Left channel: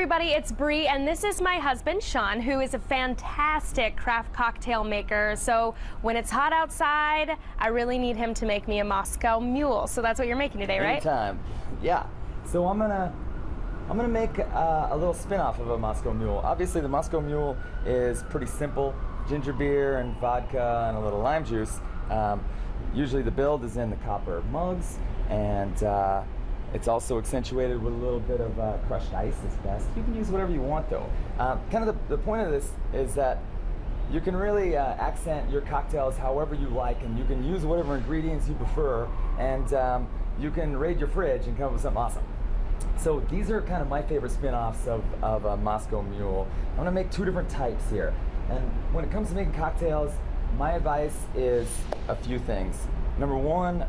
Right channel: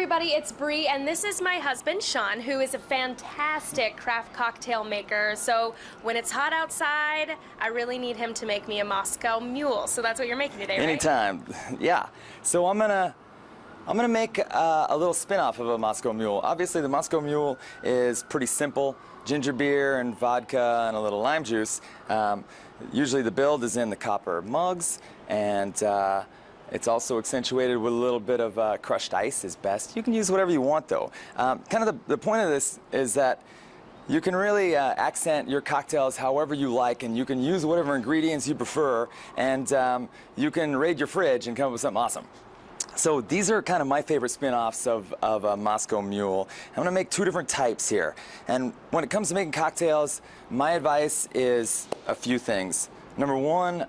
everybody, it's Bri, and this is my husband, Sean, who is a fantastic craft cocktail maker. So when it's hot outside, I really need him to make me a Moscow Mule. So that's what you're making today, right? Anytime, yeah. So I'm gonna make a little spin-off of a Moscow Mule. Obviously, the Moscow Mule is pretty simple: ginger beer and vodka and a little lime juice. Usually the build is in the copper mugs, and it's also accentuated with a little bit of crushed ice is best. You can use whatever you want, though. Kind of the point of this is that you can really accent your cocktails however you like, and you can use whatever ingredients you prefer, and you can raid your fridge and come up with something awesome. So these are kind of my favorite spin-offs of a Moscow Mule. I'm gonna make two different types here. And when it comes to making cocktails, my advice is a few things. Number one,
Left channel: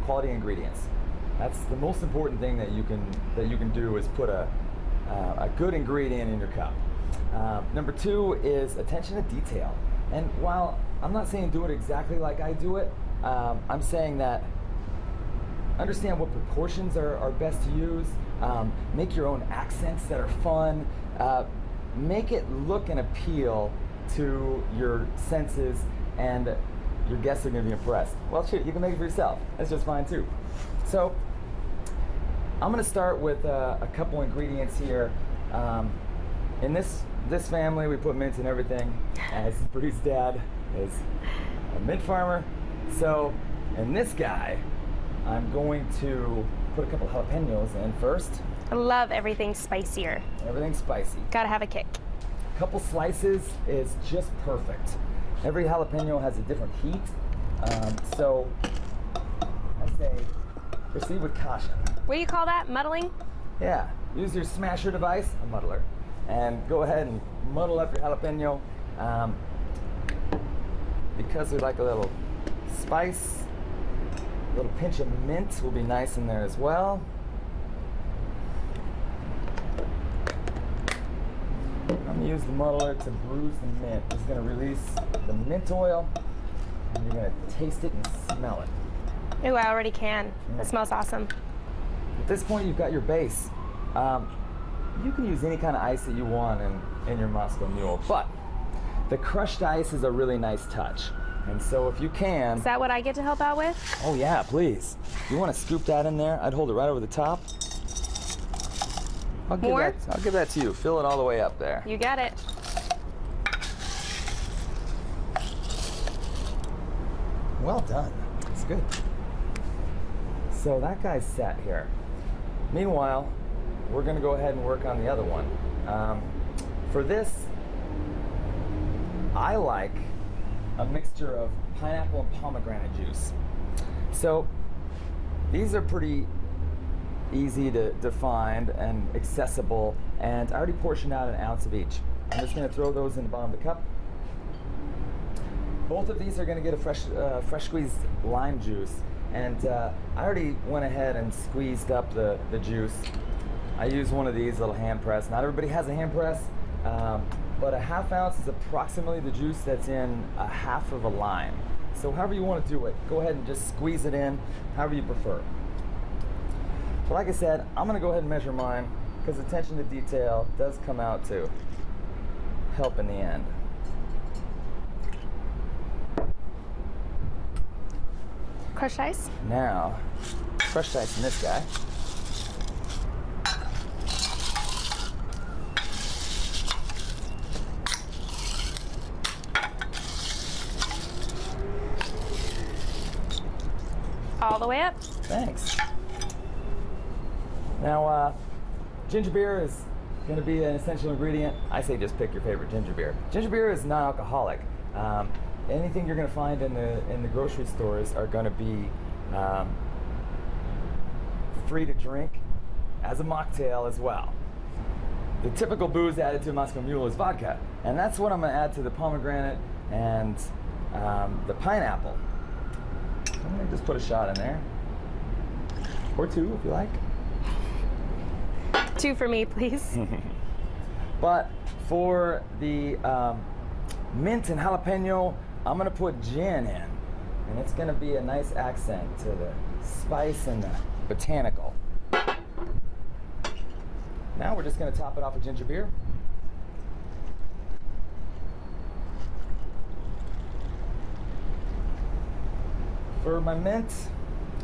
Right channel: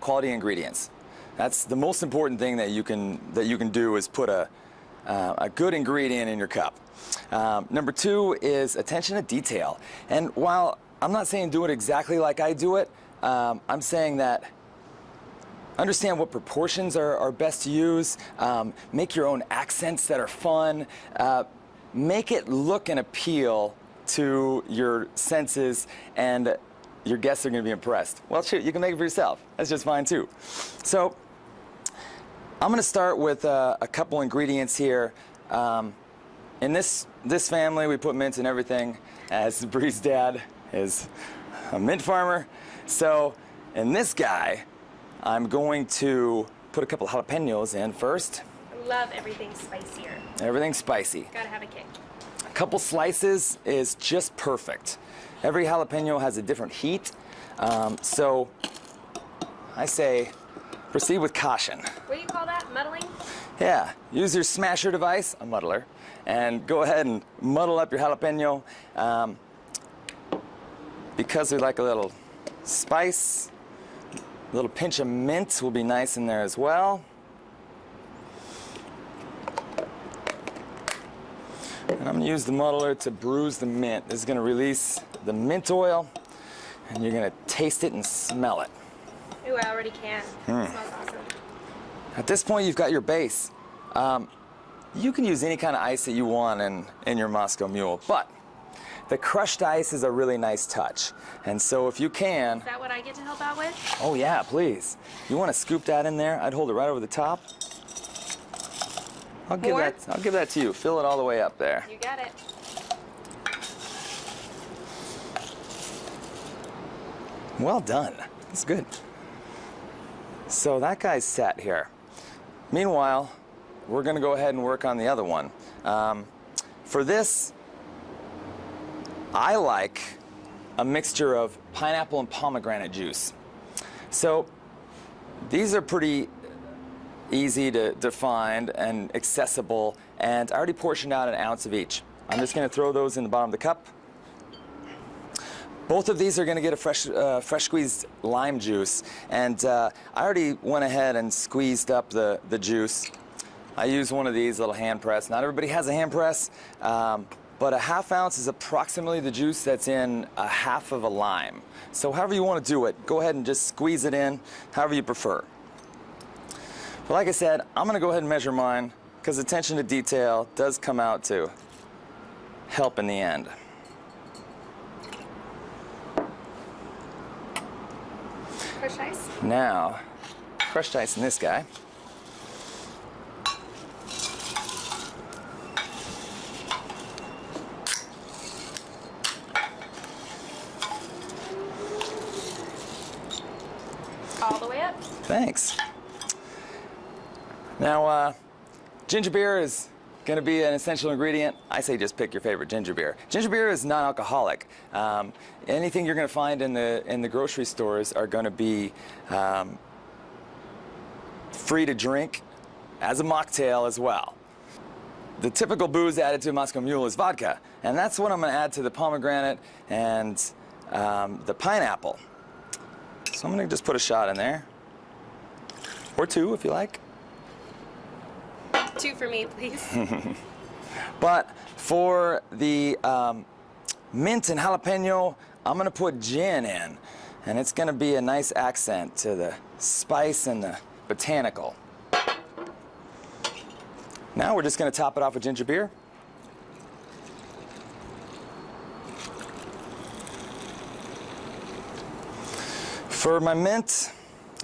quality ingredients. That's the most important thing that you can do, is put a good ingredient in your cup. Number two is attention to detail. And while I'm not saying do it exactly like I do it, I'm saying that understand what proportions are best to use. Make your own accents that are fun. Make it look and appeal to your senses, and your guests are going to be impressed. Well, shoot, you can make it for yourself. That's just fine too. So I'm going to start with a couple ingredients here. In this family, we put mint in everything, as Bri's dad is a mint farmer. So in this guy, I'm going to put a couple jalapenos in first. I love everything spicier. Everything spicy. Gotta have a kick. A couple slices is just perfect. Every jalapeno has a different heat, so I say proceed with caution. What do you call that? Muddling? Yeah, use your smasher device, a muddler, and go ahead and muddle up your jalapeno. Because we like a little spice, a little pinch of mint will be nice in there as well. And I'm gonna use the muddler to bruise the mint. This is gonna release the mint oil, and you're gonna taste it and smell it. Ooh, I already can. It smells awesome. At this point, you've got your base. You can use any kind of ice that you want in your Moscow Mule, but the crushed ice is a really nice touch. And so if you can... Is that what I get to help out with? Oh yeah, please. You want to scoop that in there? I'd hold it right over the top. I'll give that to you. Fill it all the way up there. You got it. Well done. It's good. So that guy's set here. Meanwhile, we're going to go ahead and work on the other one. For this, I like a mixture of pineapple and pomegranate juice. So these are pretty easy to find and accessible, and I already portioned out an ounce of each. I'm just going to throw those in the bottom of the cup. Both of these are going to get a fresh squeezed lime juice, and I already went ahead and squeezed up the juice. I use one of these little hand press. Not everybody has a hand press, but a half ounce is approximately the juice that's in a half of a lime. So however you want to do it, go ahead and just squeeze it in, however you prefer. But like I said, I'm going to go ahead and measure mine, because attention to detail does come out to help in the end. Crushed ice? Now, crushed ice in this guy. All the way up? Thanks. Now, ginger beer is going to be an essential ingredient. I say just pick your favorite ginger beer. Ginger beer is non-alcoholic. Anything you're going to find in the grocery stores are going to be free to drink as a mocktail as well. The typical booze added to a Moscow Mule is vodka, and that's what I'm going to add to the pomegranate and the pineapple. So I'm going to just put a shot in there, or two if you like. Two for me, please. But for the mint and jalapeno, I'm gonna put gin in, and it's gonna be a nice accent to the spice and the botanical. Now we're just gonna top it off with ginger beer. For my mint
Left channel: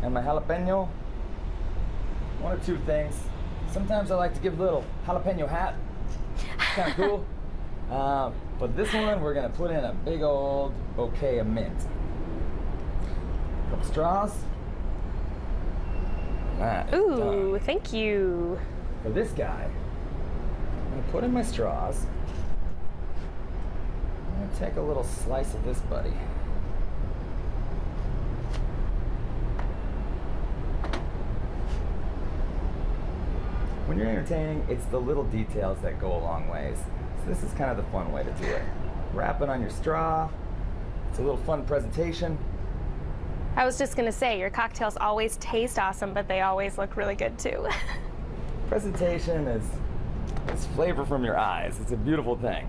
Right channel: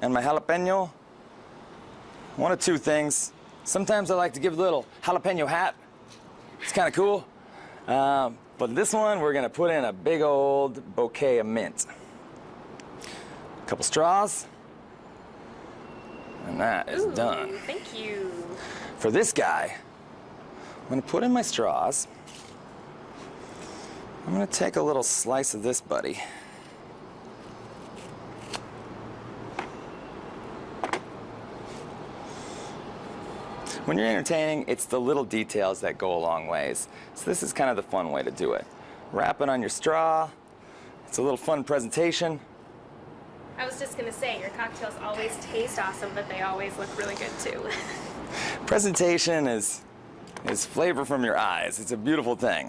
and my jalapeno, one of two things. Sometimes I like to give a little jalapeno hat. It's kind of cool. But this one, we're gonna put in a big old bouquet of mint. A couple straws. And that is done. Ooh, thank you. For this guy, I'm gonna put in my straws. I'm gonna take a little slice of this buddy. When you're entertaining, it's the little details that go a long ways. So this is kind of the fun way to do it. Wrap it on your straw. It's a little fun presentation. I was just gonna say, your cocktails always taste awesome, but they always look really good too. Presentation is flavor from your eyes. It's a beautiful thing.